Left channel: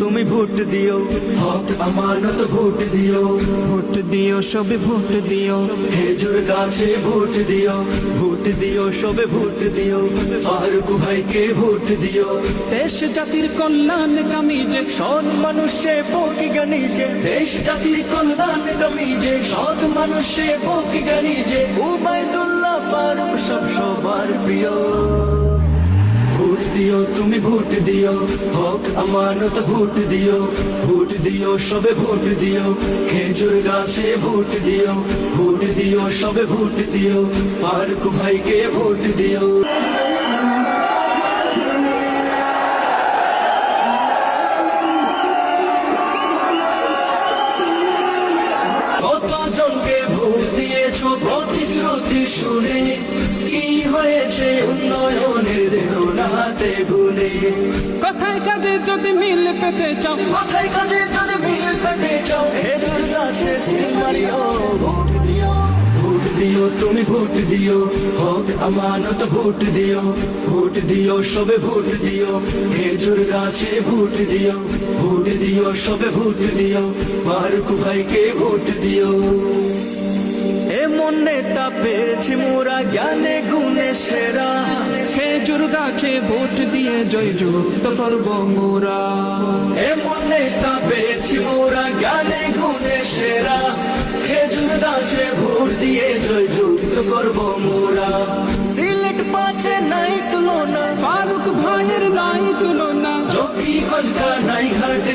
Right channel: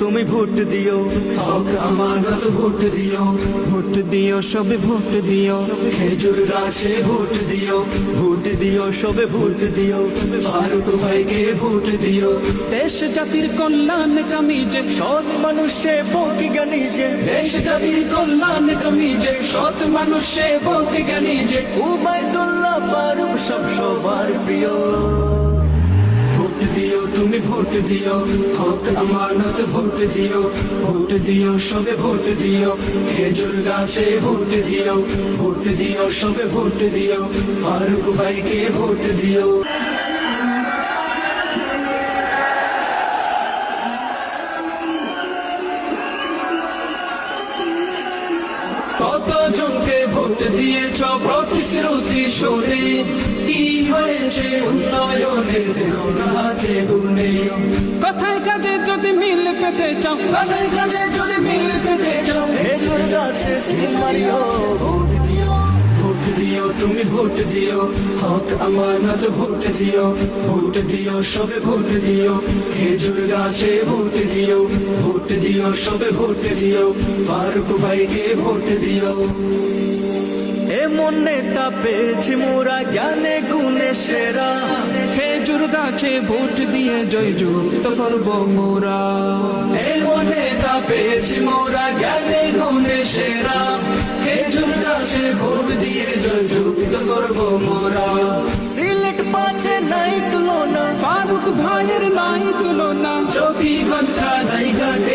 তুমি ভোট দিও, হক আমানত ভোট দিও, ভোট দিও সবে ভোট দিও, খেজুর গাছে ভোট দিও, ভোট দিও সবে ভোট দিও, ফারুক ভাইকে ভোট দিও। দেশ জাতির কল্যাণ কামিজে সৎ মানুষে বকি জ্ঞানী যে, দেশ জাতির কল্যাণ কামিজে সৎ মানুষে বকে জ্ঞানী যে, উবাইদুল্লাহ ফারুক সব সবার প্রিয়। ভোট দিও তুমি ভোট দিও, হক আমানত ভোট দিও, ভোট দিও সবে ভোট দিও, খেজুর গাছে ভোট দিও, ভোট দিও সবে ভোট দিও, ফারুক ভাইকে ভোট দিও। কতজনকে ভোট দিয়েছ প্রতিশ্রুতি শুনে, কি হয়েছে উন্নয়নের দেখো না হাতে গুনে। কথায় কাজে যদি মিল পেতে চাও, মাথায় কাজে যদি মিল পেতে চাও, খেজুর গাছে সিল মারিও, ভোট দিও, ভোট দিও তুমি ভোট দিও, হক আমানত ভোট দিও, ভোট দিও সবে ভোট দিও, খেজুর গাছে ভোট দিও, ভোট দিও সবে ভোট দিও, ফারুক ভাইকে ভোট দিও। এমন নেতা পেয়েছি মোরা জ্ঞানে গুণে সেরা, খেজুর গাছে ভোট দিয়ে জয়যুক্ত করব মোরা। এমন নেতা পেয়েছি মোরা জ্ঞানে গুণে সেরা, খেজুর গাছে ভোট দিয়ে জয়যুক্ত করব মোরা। সিলেট পাচ্ছে নাই তুলনা, ফারুক ভাইয়ের নাই তুলনা, জ্যোতিগঞ্জ কানাই ঘাটে